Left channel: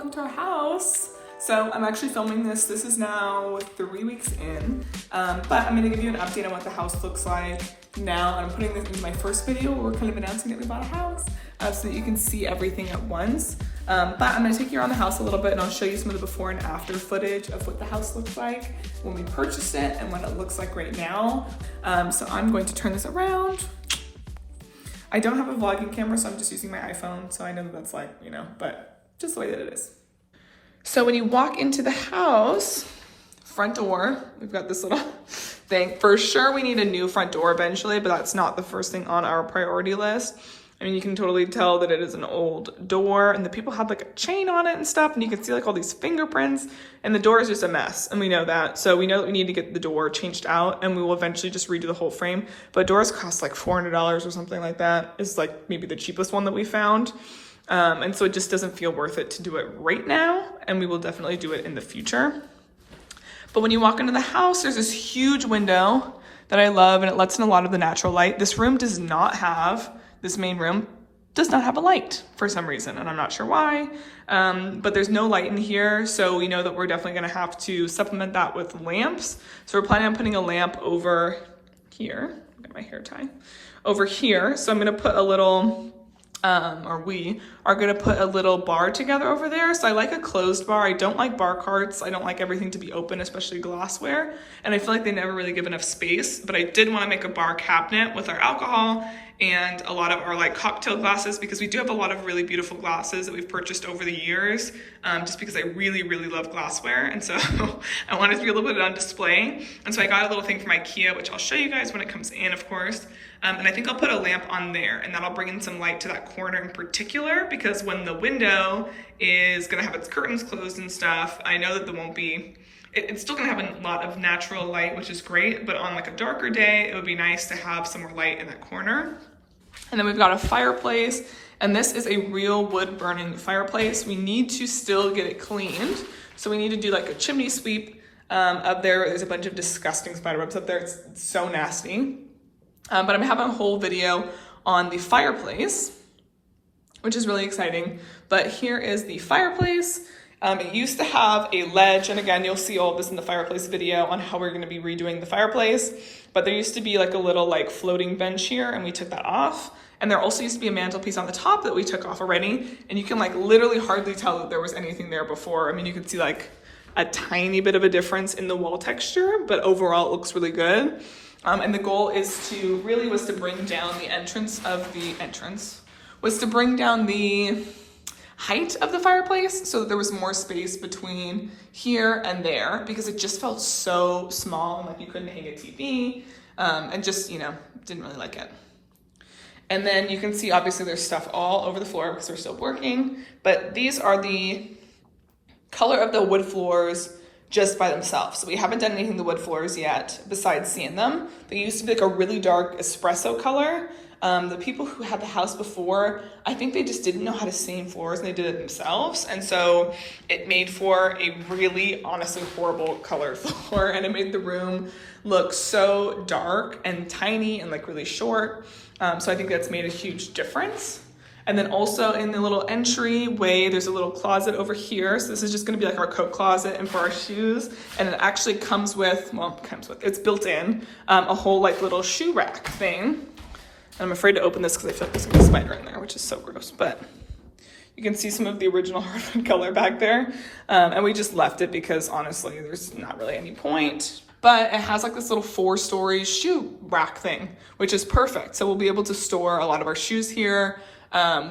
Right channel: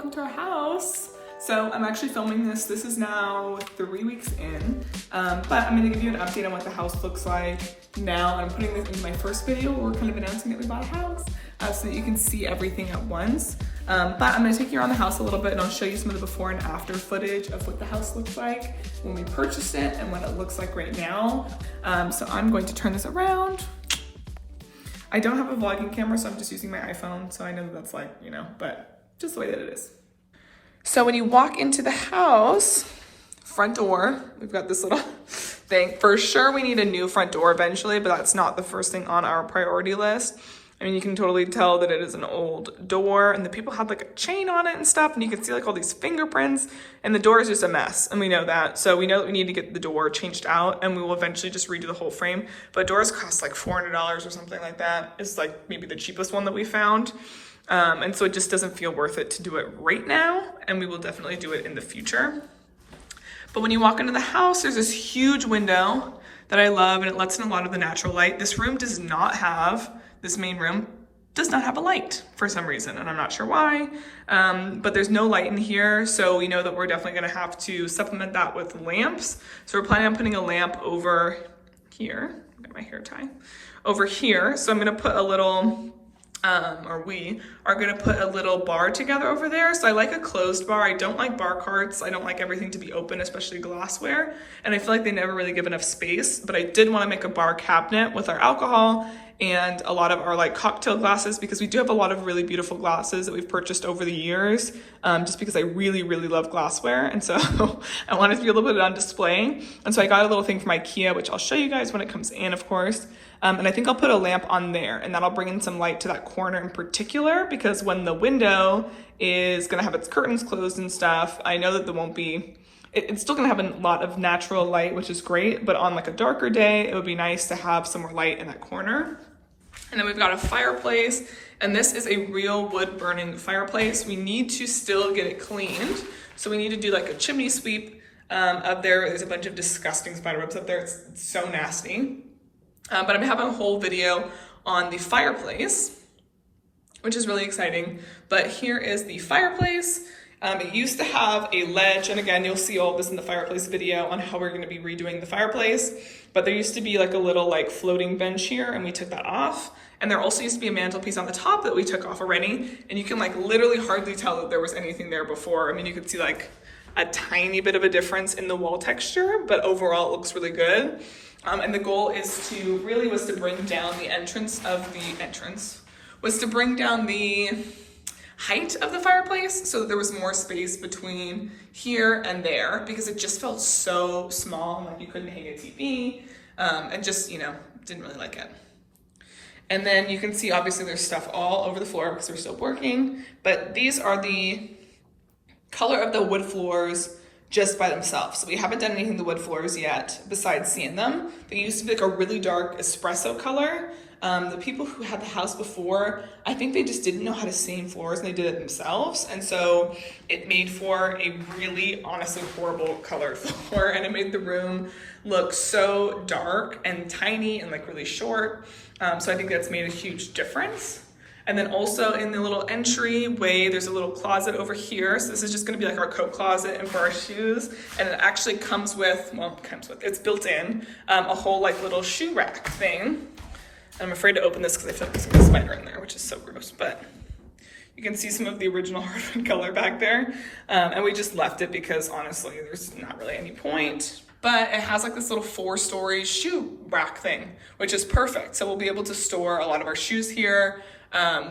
welcome to our house. So I'm actually filming this. This is now 3 weeks in, but I'm gonna give you an update on what the house looks like now. I'm putting this into my first video where we're kind of announcing that we bought a house so that you can see everything at once. But I'm gonna take you around the house a little bit and I'll show you some of the before and after footage of what the house looks like when we purchased it and what it looks like right now. So I'm going to turn this around. I don't have a vlogging camera, so I'm just using my iPhone. So I know that that's like, you know, but just the way that it is. So when you walk into the house, front door, we've got this little thing. For sure, we need a new front door eventually, but that's not the first thing on our priority list. I mean, you can totally tell that it is an old door and the people had like a chain on it and stuff, and you can see like all these fingerprints, and the door is just a mess, and we know that. So we know that we need to get the door changed out, and we will eventually just redo the whole frame. But doors cost like $400 or something like that. It's like maybe the cheapest one that we found. And so it just doesn't feel worth it to do it right now, and we will definitely do it in the future. But when you walk into the house, there's this huge window that I love, and it lets in a lot of the natural light. This room does not have, this main room does not have a light for some reason, and I'm not sure why, but there's no light in here, so we know that we're definitely gonna have to supplement that with lamps. So we're planning on putting a lamp over here. Get my hair tie. Over here, so I'm gonna put a little, or we are gonna put a little bar together over there. So I like a closed bar. I don't like bar carts. I don't like everything to be open, especially glassware. And I feel like they never really give enough space, but I did wanna make a bar cabinet with our alcohol and a lot of our like cocktail glasses, because we do have a lot of really beautiful glasses that we've purchased over the years, just because I really, really love glassware. And so I wanted to be a little bit on display. And so I got a little thing from IKEA, which I'll show you guys when it comes in, of course. And I think I'll put a lamp on there, and that'll bring in some light to that corner in particular, because when the window is gonna have its curtains closed and stuff, I know that there won't be, it's still gonna have a lot of natural light, which is great, but on like a darker day, it would be nice to have some more light in that corner. And then we've got a fireplace, and this is a real wood burning fireplace. We need to still get it cleaned. So we need to do like a chimney sweep up there. There's a bunch of disgusting spider webs up there. It's so nasty. But I'm having a whole video on the fireplace, which is really exciting. But here is the fireplace. It used to have a ledge, and again, you'll see all of this in the fireplace video on how we're gonna be redoing the fireplace. But there used to be like a little like floating bench here, and we took that off. And there also used to be a mantelpiece on the top that we took off already. And you can like literally hardly tell that there was anything there before. I mean, you could see like a tiny bit of a difference in the wall texture, but overall it looks really good. And the goal was to bring down the bring down the height of the fireplace so that there was more space between here and there, because it just felt so small, like you couldn't hang a TV, and just, you know, didn't really like it. And then you can see, obviously there's stuff all over the floor because we're still working, but these are the color of the wood floors just by themselves. So we haven't done anything to the wood floors yet besides seeing them. They used to be like a really dark espresso color. The people who had the house before, I think they just didn't know how to stain floors, and they did it themselves. And so it made for a really, honestly, horrible color floor, and it made the room look so dark and tiny and like really short. So I think that's made a huge difference. And then also in the little entryway, there's a little closet over here. So this is just gonna be like our coat closet and for our shoes. And it actually comes with, it's built in, a whole like little shoe rack thing. I'm afraid to open this because I feel like there's a spider in there, which is so gross, but you can see some of the original hardwood color back there. And we just left it because honestly, there's not really any point. But it has like this little 4-story shoe rack thing, which is perfect. So we'll be able to store a lot of our shoes here,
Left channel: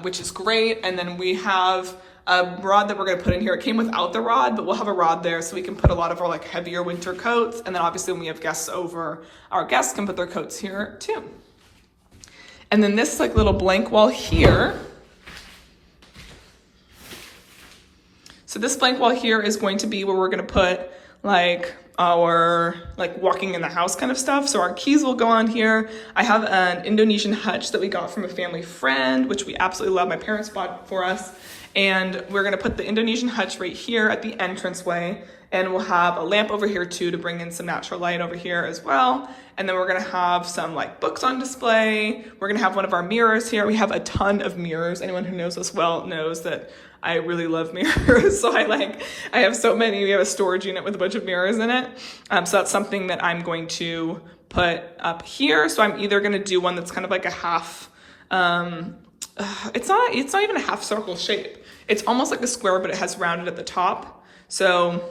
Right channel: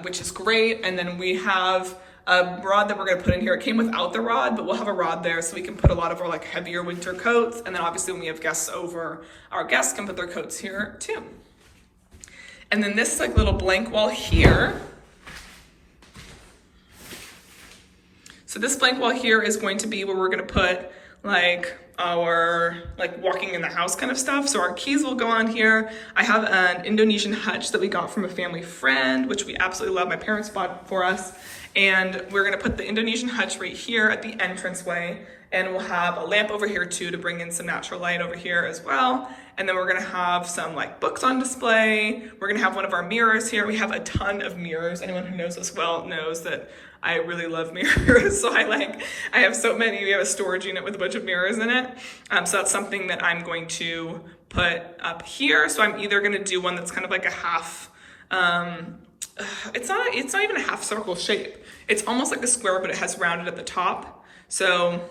which is great. And then we have a rod that we're gonna put in here. It came without the rod, but we'll have a rod there so we can put a lot of our like heavier winter coats. And then obviously when we have guests over, our guests can put their coats here too. And then this like little blank wall here. So this blank wall here is going to be where we're gonna put like our like walking in the house kind of stuff. So our keys will go on here. I have an Indonesian hutch that we got from a family friend, which we absolutely love. My parents bought for us. And we're gonna put the Indonesian hutch right here at the entranceway. And we'll have a lamp over here too to bring in some natural light over here as well. And then we're gonna have some like books on display. We're gonna have one of our mirrors here. We have a ton of mirrors. Anyone who knows us well knows that I really love mirrors. So I have so many. We have a storage unit with a bunch of mirrors in it. So that's something that I'm going to put up here. So I'm either gonna do one that's kind of like a half, it's not even a half circle shape. It's almost like a square, but it has rounded at the top. So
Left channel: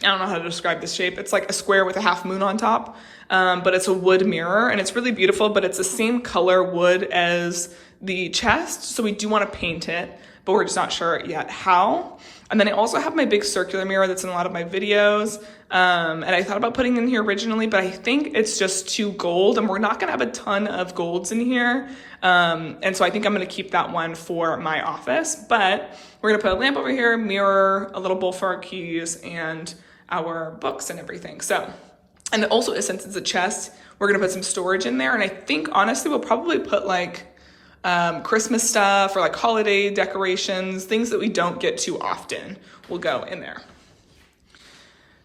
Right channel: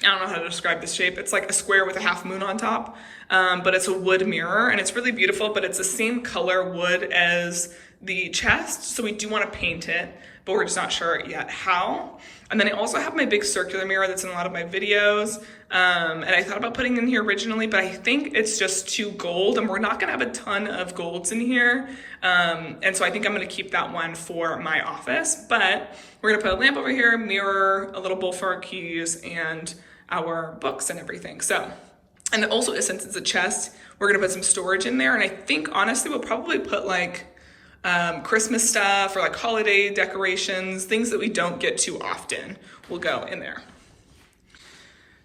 I don't know how to describe this shape. It's like a square with a half moon on top, but it's a wood mirror and it's really beautiful, but it's the same color wood as the chest. So we do want to paint it, but we're just not sure yet how. And then I also have my big circular mirror that's in a lot of my videos. And I thought about putting it in here originally, but I think it's just too gold and we're not gonna have a ton of golds in here. And so I think I'm gonna keep that one for my office, but we're gonna put a lamp over here, mirror, a little bowl for our keys and our books and everything. So, and also since it's a chest, we're gonna put some storage in there. And I think honestly, we'll probably put like Christmas stuff or like holiday decorations, things that we don't get too often will go in there.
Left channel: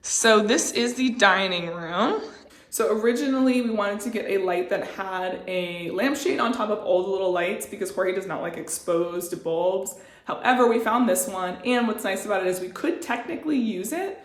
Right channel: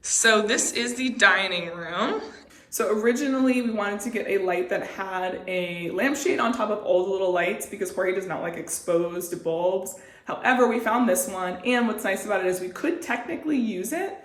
So this is the dining room. So originally we wanted to get a light that had a lampshade on top of all the little lights because Jorge does not like exposed bulbs. However, we found this one, and what's nice about it is we could technically use it.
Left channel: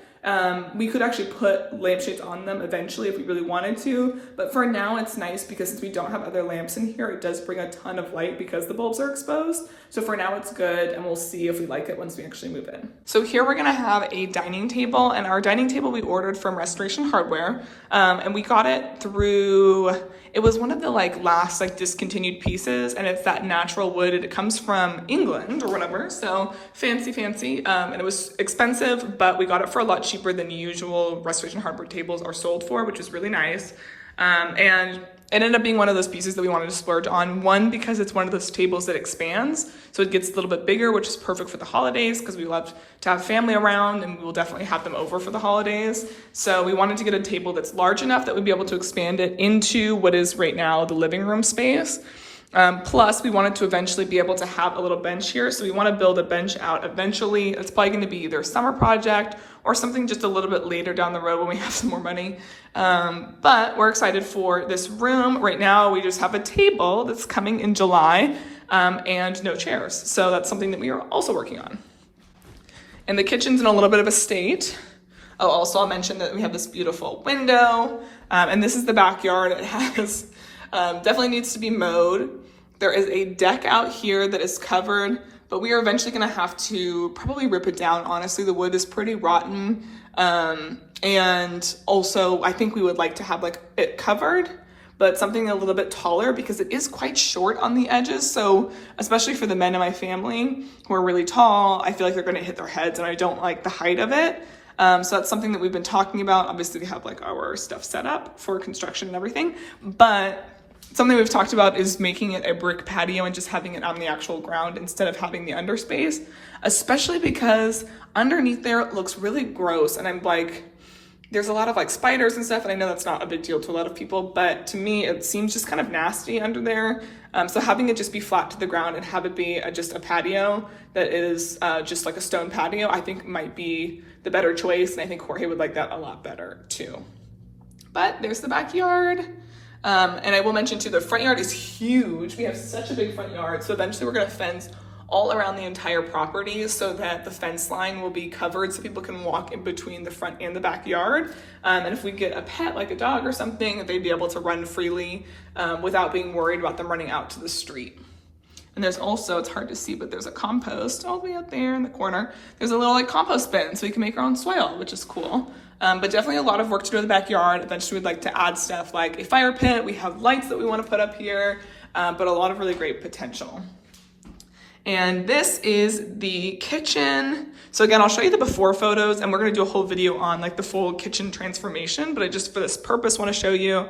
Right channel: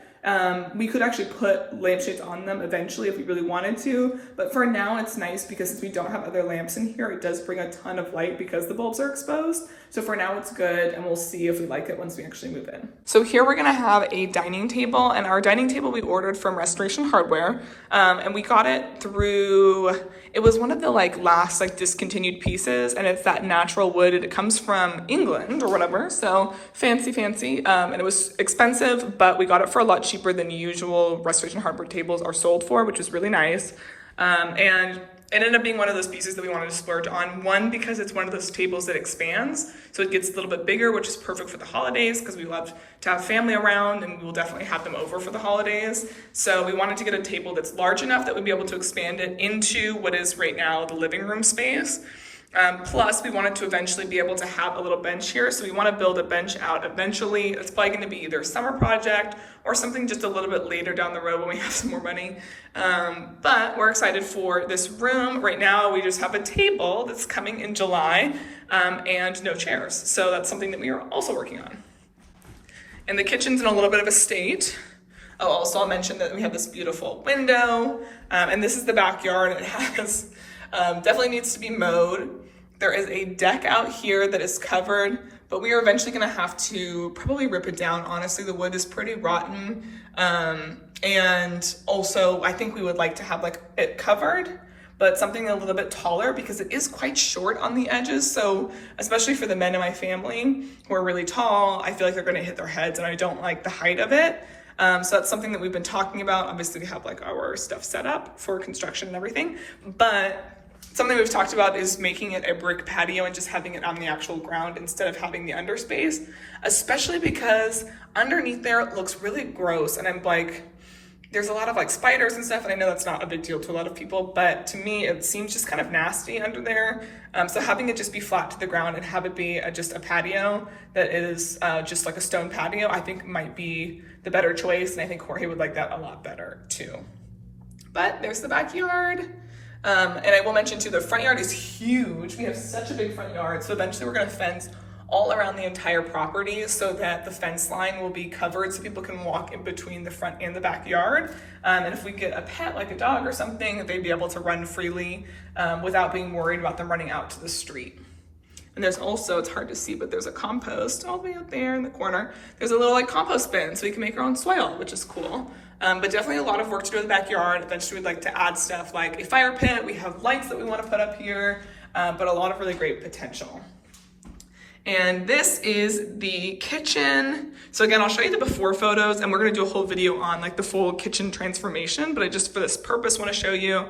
We could actually put lampshades on them eventually if we really wanted to, but for now it's nice because since we don't have other lamps in here, it does bring a ton of light because the bulbs are exposed. So for now it's good, and we'll see if we like it once we actually move in. So here we're gonna have a dining table, and our dining table we ordered from Restoration Hardware, and we got it through, it was one of the last discontinued pieces, and it's that natural wood. It comes from England or whatever, so fancy. And it was expensive, but we got it for a lot cheaper than usual Restoration Hardware tables are sold for, which is really nice. And it ended up being one of those pieces that we wanted to splurge on. One, because it's one of those tables that expands, so it gets a little bit bigger, which is perfect for the holidays because we love to have family around and we'll definitely have them over for the holidays. So we wanted to get a table that's large enough that we'd be able to expand it into what is right now the living room space. Plus we wanted to eventually be able to have a little bench here. So we want to build a bench out eventually. It's probably going to be either a summer project or something just a little bit later down the road when we have some more money. But we're excited for this room. Right now we just have a table that's coming in July and no chairs. So that's something that we are also working on. And the kitchen's in a little bit of a state. Oh, also I'll mention that we have this beautiful window, and this is the backyard. It has definitely needs to be mowed. There is a deck out here that is covered, but we are eventually gonna have to probably rip it down. Honestly, the wood is pretty rotten. And also I think we would like to have it covered, but something a little bit taller because it is quite short on the edges. So especially for the men in my family who are really tall, I feel like they're gonna hit their heads and I don't like the height of it. So that's something that we've been talking about. Obviously we have our stuff set up for construction and everything, but something we've talked about is making it a brick patio and just having it on the actual ground instead of having the underspace, especially because underneath there it looks really gross. And I'm there's a lot of spiders and stuff, and I know that's not a big deal to a lot of people, but to me it seems just kind of nasty under there. So having it just be flat to the ground and have it be just a patio that is just like a stone patio, I think might be the better choice, and I think Jorge would like that a lot better too. But there's the backyard. And I will mention too, the front yard is huge. We have such a big front yard, so eventually we're gonna fence all around the entire property so that the fence line will be covered so people can walk in between the front and the backyard. And if we get a pet like a dog or something, they'd be able to run freely without being worried about them running out to the street. And there's also, it's hard to see, but there's a compost all the way up there in the corner. There's a little compost bin so we can make our own soil, which is cool. But definitely a lot of work to do in the backyard. Eventually we'd like to add stuff like a fire pit. We have lights that we want to put up here, but a lot of really great potential. And this is the kitchen. So again, I'll show you the before photos, and we're gonna do a whole video on the full kitchen transformation, but I just for this purpose want to show you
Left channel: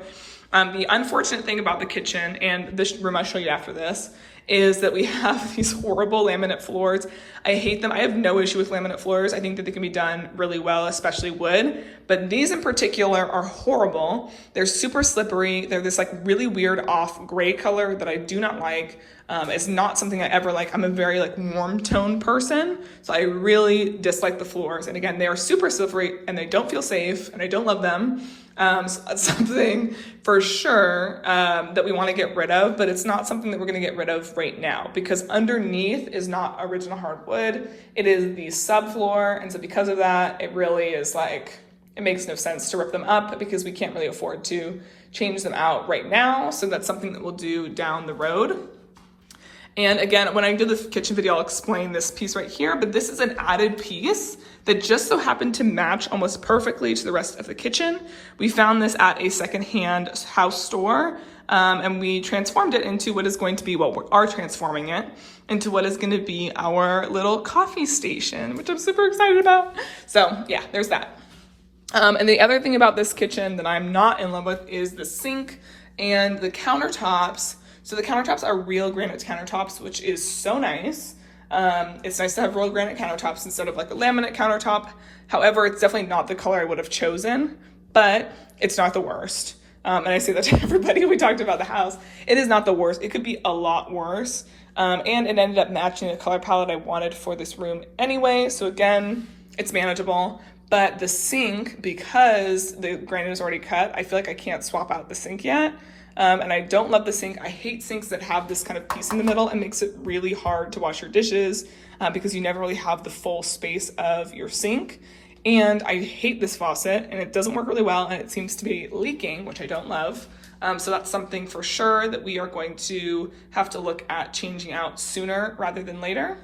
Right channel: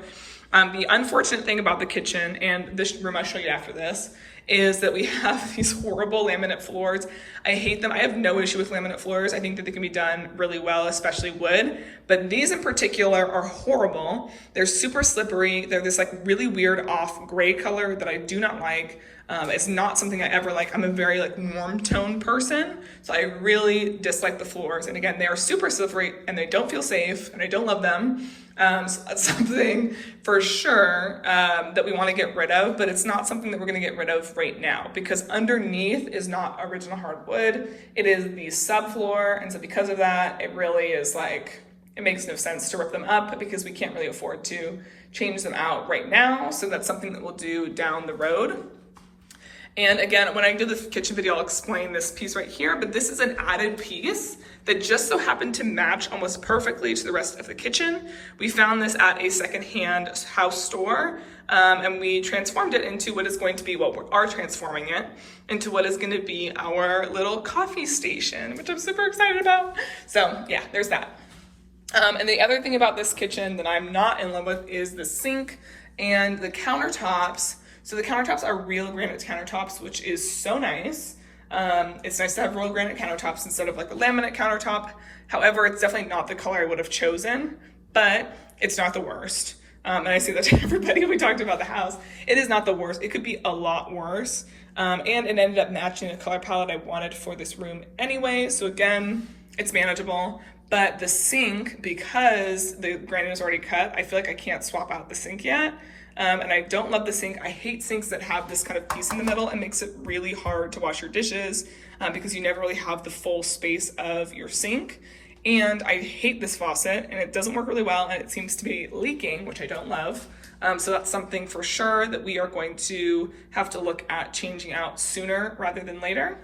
the unfortunate thing about the kitchen, and this room I'll show you after this, is that we have these horrible laminate floors. I hate them. I have no issue with laminate floors. I think that they can be done really well, especially wood, but these in particular are horrible. They're super slippery. They're this like really weird off gray color that I do not like. It's not something I ever like. I'm a very like warm tone person, so I really dislike the floors. And again, they are super slippery and they don't feel safe and I don't love them. So that's something for sure that we want to get rid of, but it's not something that we're going to get rid of right now because underneath is not original hardwood. It is the subfloor, and so because of that, it really is like, it makes no sense to rip them up because we can't really afford to change them out right now. So that's something that we'll do down the road. And again, when I do this kitchen video, I'll explain this piece right here, but this is an added piece that just so happened to match almost perfectly to the rest of the kitchen. We found this at a secondhand house store, and we transformed it into what is going to be, well, we are transforming it into what is going to be our little coffee station, which I'm super excited about. So yeah, there's that. And the other thing about this kitchen that I'm not in love with is the sink and the countertops. So the countertops are real granite countertops, which is so nice. It's nice to have real granite countertops instead of like a laminate countertop. However, it's definitely not the color I would have chosen, but it's not the worst. And I say that to everybody when we talked about the house. It is not the worst. It could be a lot worse. And it ended up matching the color palette I wanted for this room anyway. So again, it's manageable. But the sink, because the granite is already cut, I feel like I can't swap out the sink yet. And I don't love the sink. I hate sinks that have this kind of piece in the middle. It makes it really hard to wash your dishes because you never really have the full space of your sink. And I hate this faucet and it doesn't work really well and it seems to be leaking, which I don't love. So that's something for sure that we are going to have to look at changing out sooner rather than later.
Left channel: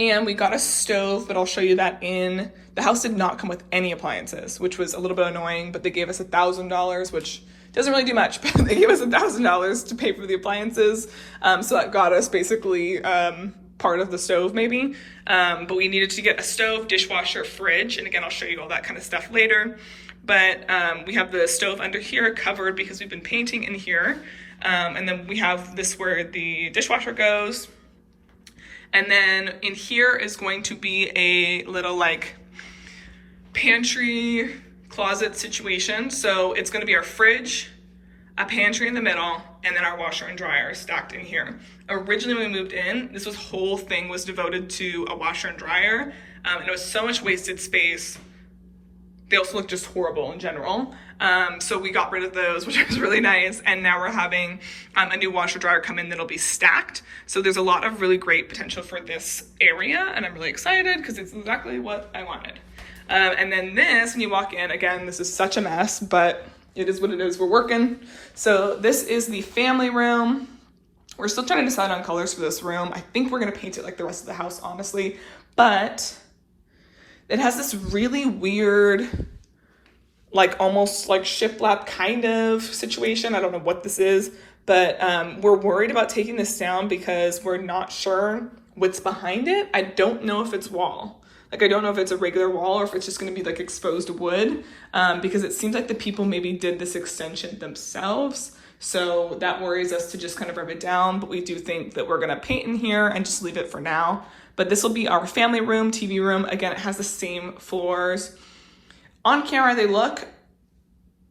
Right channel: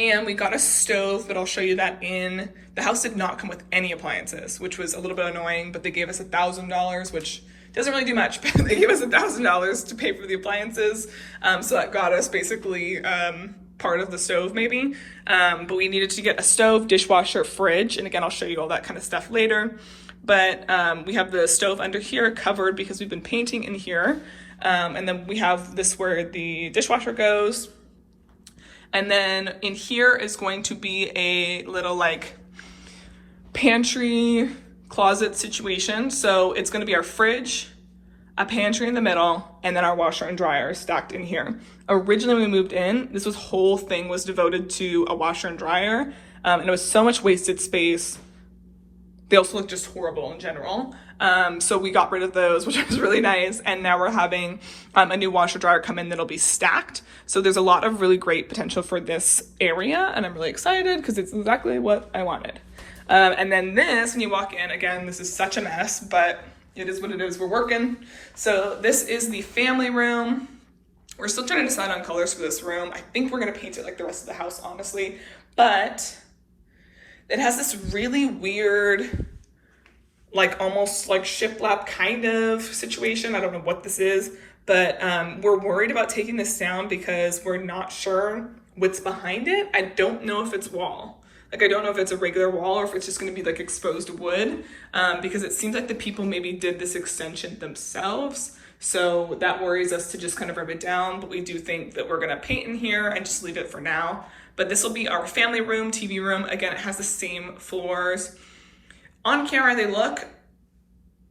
And we got a stove, but I'll show you that in, the house did not come with any appliances, which was a little bit annoying, but they gave us $1,000, which doesn't really do much, but they gave us $1,000 to pay for the appliances. So that got us basically part of the stove maybe. But we needed to get a stove, dishwasher, fridge. And again, I'll show you all that kind of stuff later. But we have the stove under here covered because we've been painting in here. And then we have this where the dishwasher goes. And then in here is going to be a little like pantry closet situation. So it's going to be our fridge, a pantry in the middle, and then our washer and dryer stacked in here. Originally when we moved in, this whole thing was devoted to a washer and dryer. And it was so much wasted space. They also look just horrible in general. So we got rid of those, which was really nice. And now we're having a new washer dryer come in that'll be stacked. So there's a lot of really great potential for this area. And I'm really excited because it's exactly what I wanted. And then this, when you walk in, again, this is such a mess, but it is what it is. We're working. So this is the family room. We're still trying to decide on colors for this room. I think we're going to paint it like the rest of the house, honestly. But it has this really weird, like almost like shiplap kind of situation. I don't know what this is, but we're worried about taking this down because we're not sure what's behind it. I don't know if it's wall. Like, I don't know if it's a regular wall or if it's just going to be like exposed wood because it seems like the people maybe did this extension themselves. So that worries us to just kind of rip it down. But we do think that we're going to paint in here and just leave it for now. But this will be our family room, TV room. Again, it has the same floors. On camera, they look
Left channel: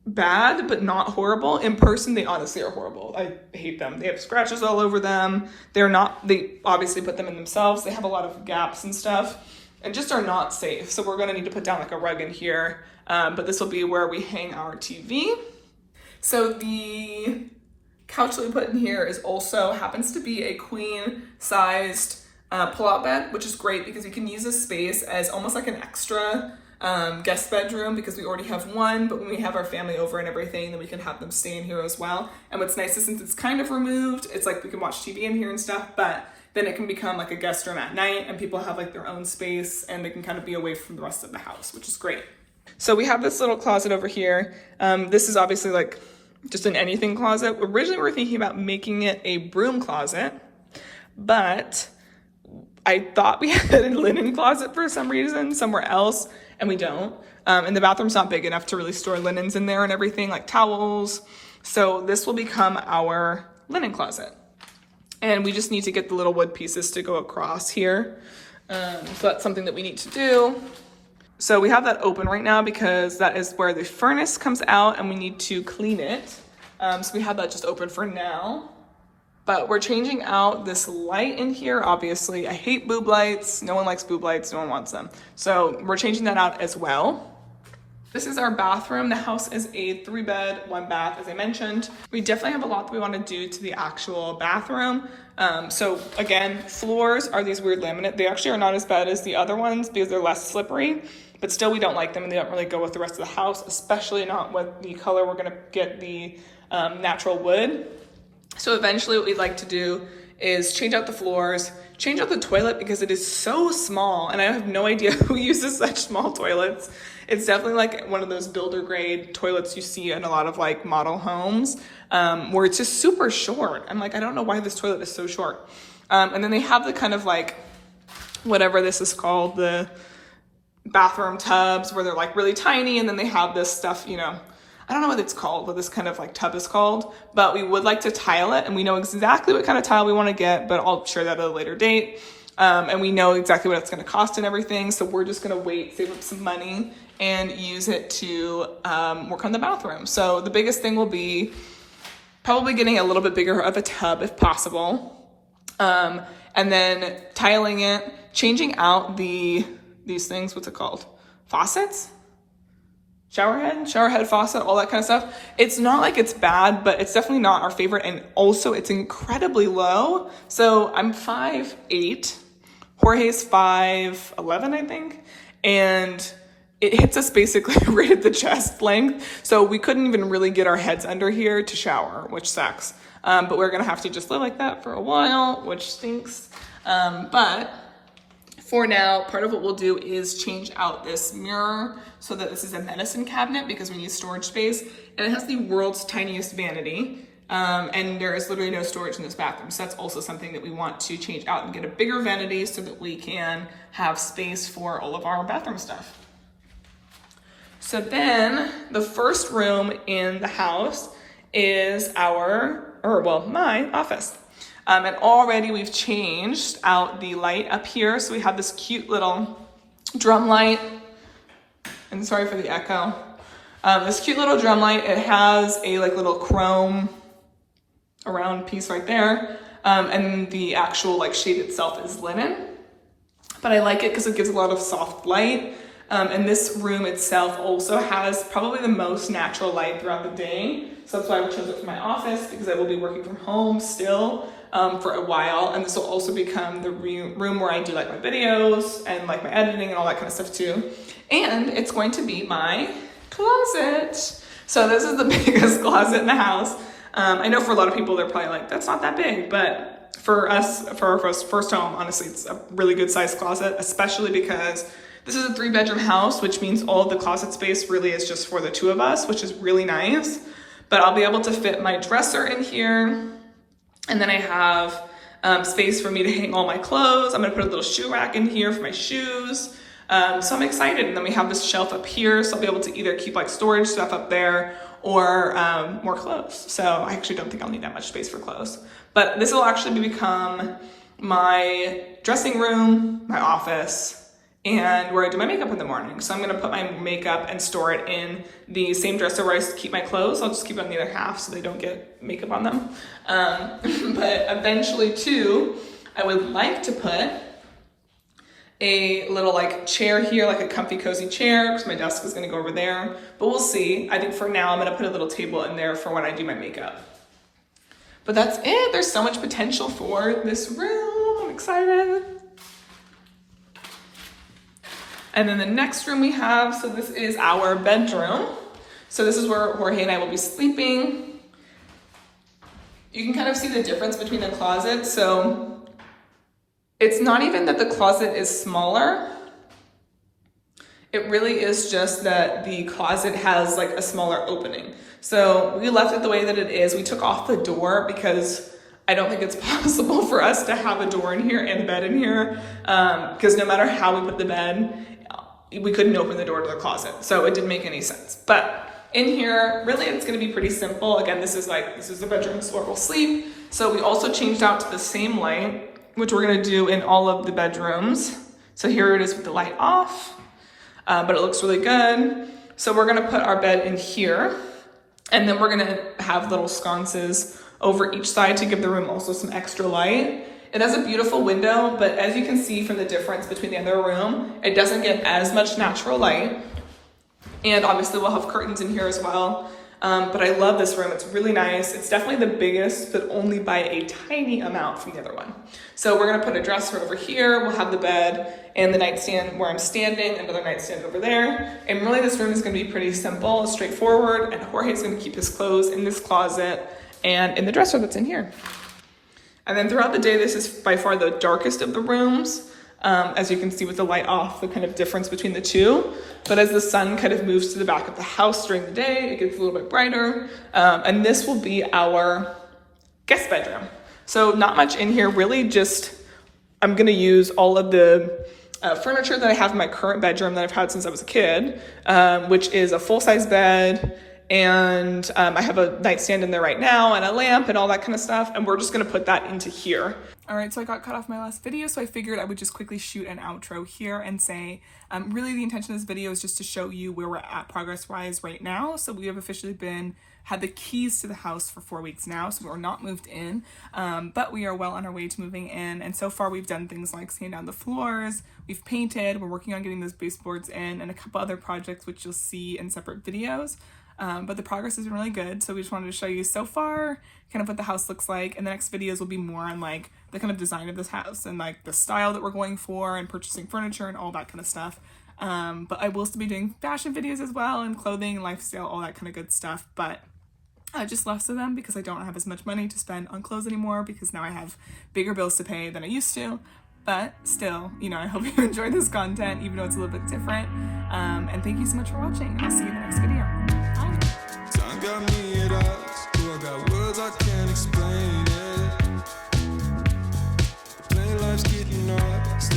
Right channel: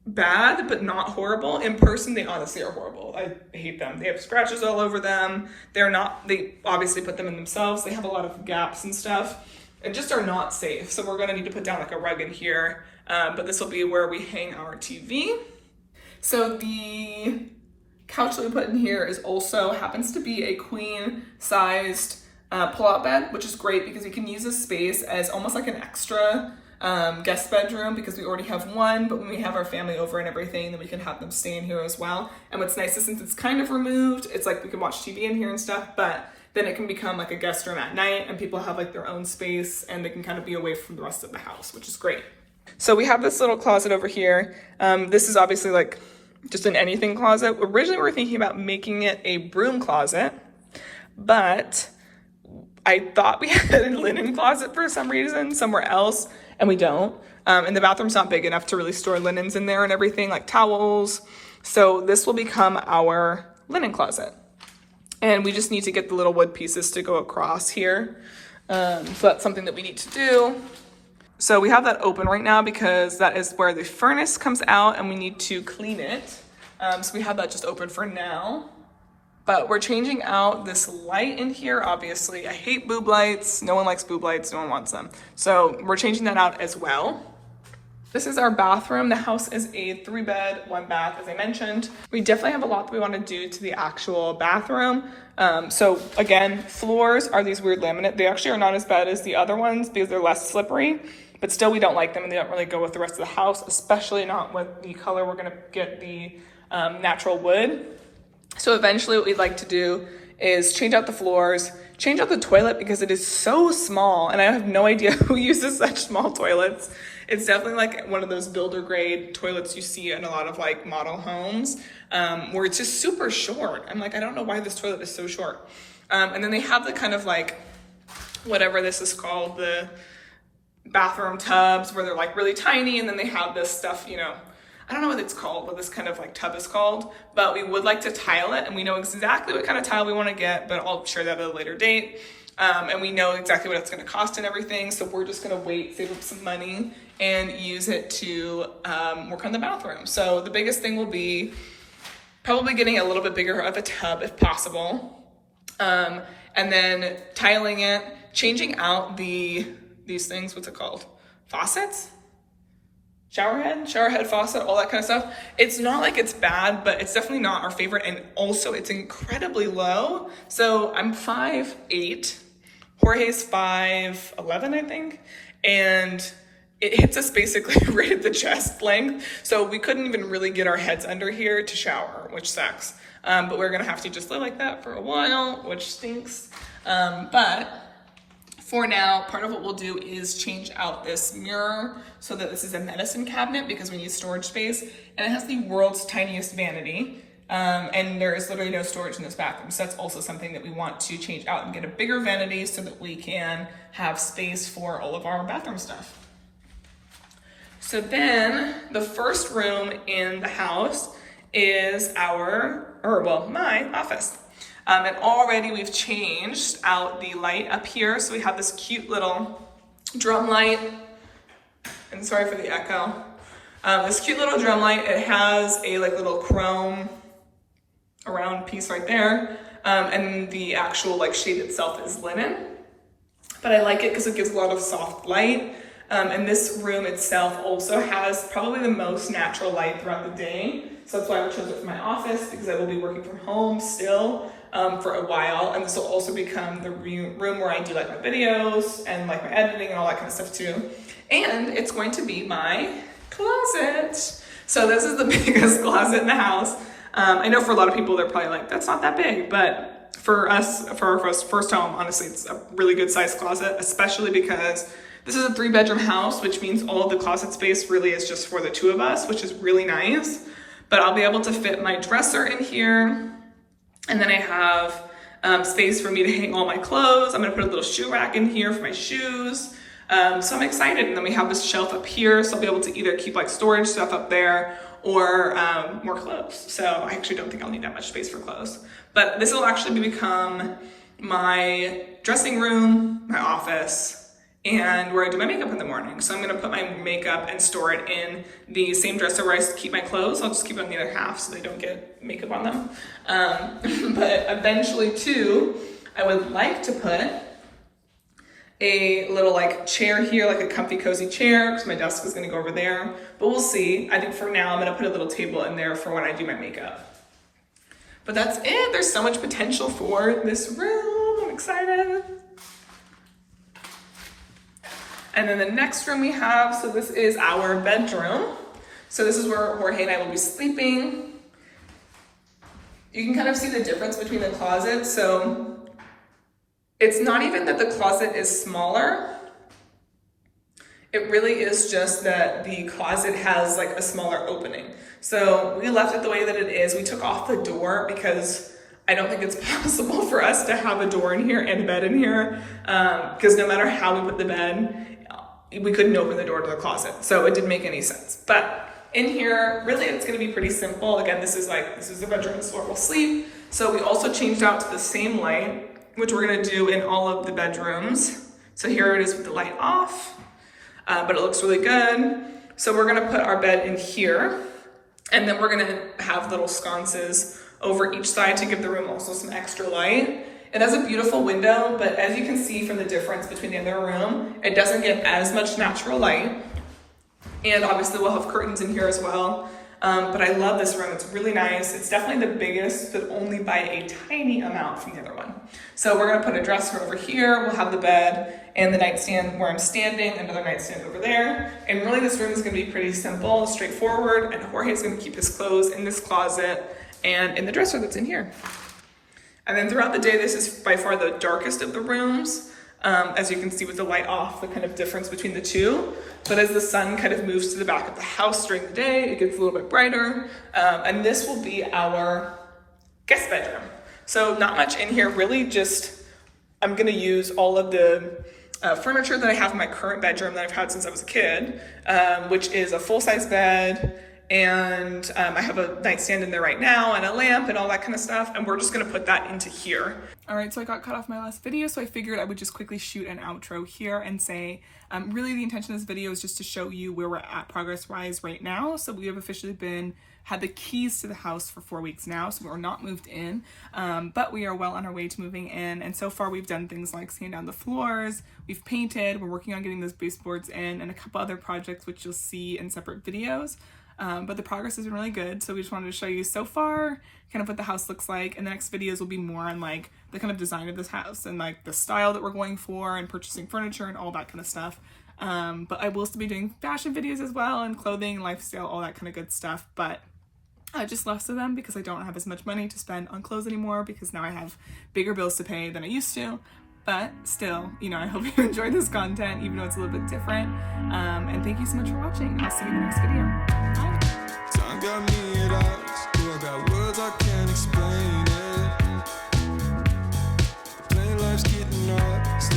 bad, but not horrible. In person, they honestly are horrible. I hate them. They have scratches all over them. They obviously put them in themselves. They have a lot of gaps and stuff. And just are not safe. So we're gonna need to put down like a rug in here, but this will be where we hang our TV. So the couch that we put in here is also happens to be a queen sized pull-out bed, which is great because you can use this space as almost like an extra guest bedroom because we already have one, but when we have our family over and everything, then we can have them stay in here as well. And what's nice is since it's kind of removed, it's like we can watch TV in here and stuff, but then it can become like a guest room at night and people have like their own space and they can kind of be away from the rest of the house, which is great. So we have this little closet over here. This is obviously like just an anything closet. Originally we were thinking about making it a broom closet, but I thought we had a linen closet for some reason somewhere else and we don't. And the bathroom's not big enough to really store linens in there and everything like towels. So this will become our linen closet. And we just need to get the little wood pieces to go across here. So that's something that we need to do. So we have that open right now because that is where the furnace comes out and we need to clean it. So we have that just open for now. But we're changing out this light in here, obviously. I hate boob lights. No one likes boob lights, no one wants them. So we're changing that out as well. This is our bathroom. The house is a 3-bed, 1-bath, as I mentioned. We definitely have a lot that we want to do to the actual bathroom. So again, floors are these weird laminate. They actually are not as bad as the other ones because they're less slippery, but still we don't like them and they don't really go with the rest of the house, especially not with the color. We're gonna get the natural wood. So eventually what we'd like to do is change out the floors, change out the toilet because it is so small and I have no idea who uses such small toilets. It's definitely like one of those builder grade toilets you see in a lot of like model homes where it's just super short. I'm like, I don't know why this toilet is so short. And then they have the kind of like, whatever this is called, the bathroom tubs where they're like really tiny and then they have this stuff, you know, I don't know what it's called, what this kind of like tub is called, but we would like to tile it and we know exactly what kind of tile we want to get, but I'll share that at a later date. And we know exactly what it's going to cost and everything. So we're just going to wait, save up some money and use it to work on the bathroom. So the biggest thing will be probably getting a little bit bigger of a tub if possible. And then tiling it, changing out these things, what's it called? Faucets? Shower head, faucet, all that kind of stuff. It's not like it's bad, but it's definitely not our favorite. And also it's incredibly low. So I'm 5'8", Jorge's 5'11", I think. And it hits us basically right at the chest length. So we couldn't even really get our heads under here to shower, which sucks. But we're gonna have to just live like that for a while, which stinks. But for now, part of what we'll do is change out this mirror so that this is a medicine cabinet because we need storage space. And it has the world's tiniest vanity. And there is literally no storage in this bathroom. So that's also something that we want to change out and get a bigger vanity so that we can have space for all of our bathroom stuff. So then the first room in the house is my office. And already we've changed out the light up here. So we have this cute little drum light. And sorry for the echo. This cute little drum light, it has a like little chrome around piece right there. And the actual like shade itself is linen. But I like it because it gives a lot of soft light. And this room itself also has probably the most natural light throughout the day. So that's why I chose it for my office because I will be working from home still for a while. And this will also become the room where I do like my videos and like my editing and all that kind of stuff too. And it's going to be my closet. So this is the biggest closet in the house. I know for a lot of people, they're probably like, that's not that big, but for us, for our first home, honestly, it's a really good sized closet, especially because this is a 3-bedroom house, which means all of the closet space really is just for the two of us, which is really nice. But I'll be able to fit my dresser in here. And then I have space for me to hang all my clothes. I'm gonna put a little shoe rack in here for my shoes. So I'm excited. And then we have this shelf up here. So I'll be able to either keep like storage stuff up there or more clothes. So I actually don't think I'll need that much space for clothes. But this will actually become my dressing room, my office, and where I do my makeup in the morning. So I'm gonna put my makeup and store it in the same dresser where I keep my clothes. I'll just keep it on the other half so they don't get makeup on them. But eventually too, I would like to put a little like chair here, like a comfy cozy chair, because my desk is gonna go over there, but we'll see. I think for now, I'm gonna put a little table in there for when I do my makeup. But that's it. There's so much potential for this room. I'm excited. And then the next room we have, so this is our bedroom. So this is where Jorge and I will be sleeping. You can kind of see the difference between the closets. So it's not even that the closet is smaller. It really is just that the closet has like a smaller opening. So we left it the way that it is. We took off the door because I don't think it's possible for us to have a door in here and a bed in here. Because no matter how we put the bed, we couldn't open the door to the closet. So it didn't make any sense. But in here, really it's gonna be pretty simple. Again, this is the bedroom, this is where we'll sleep. So we also changed out to the same light, which we're gonna do in all of the bedrooms. So here it is with the light off, but it looks really good. So we're gonna put our bed in here, and then we're gonna have little sconces over each side to give the room also some extra light. It has a beautiful window, but as you can see from the difference between the other room, it doesn't get as much natural light. And obviously we'll have curtains in here as well. But I love this room, it's really nice. It's definitely the biggest, but only by a tiny amount from the other one. So we're gonna put a dresser over here, we'll have the bed and the nightstand where I'm standing, another nightstand over there. And really this room is gonna be pretty simple, straightforward, and Jorge's gonna keep his clothes in this closet and in the dresser that's in here. And then throughout the day, this is by far the darkest of the rooms. As you can see with the light off, the kind of difference between the two. But as the sun kind of moves to the back of the house during the day, it gets a little bit brighter. And this will be our guest bedroom. So not much in here, really just, I'm gonna use all of the furniture that I have in my current bedroom that I've had since I was a kid, which is a full-size bed, and I have a nightstand in there right now and a lamp and all that kind of stuff, and we're just gonna put that into here. All right, so I got cut off my last video, so I figured I would just quickly shoot an outro here and say, really the intention of this video is just to show you where we're at progress-wise right now. So we have officially had the keys to the house for 4 weeks now, so we're not moved in, but we are well on our way to moving in. And so far we've done things like sand down the floors, we've painted, we're working on getting those baseboards in, and a couple other projects which you'll see in separate videos. But the progress has been really good, so we just wanted to show you so far kind of what the house looks like, and the next videos will be more on like the kind of design of this house and like the style that we're going for and purchasing furniture and all that kind of stuff. But I will still be doing fashion videos as well, and clothing and lifestyle, all that kind of good stuff, but just less of them because I don't have as much money to spend on clothes anymore, because now I have bigger bills to pay than I used to. But still, you know, I hope you enjoy this content, even though it's a little bit different. And thank you so much for watching, and I'll see you in the next video. Bye. Time got me at odds. I got words I can't explain.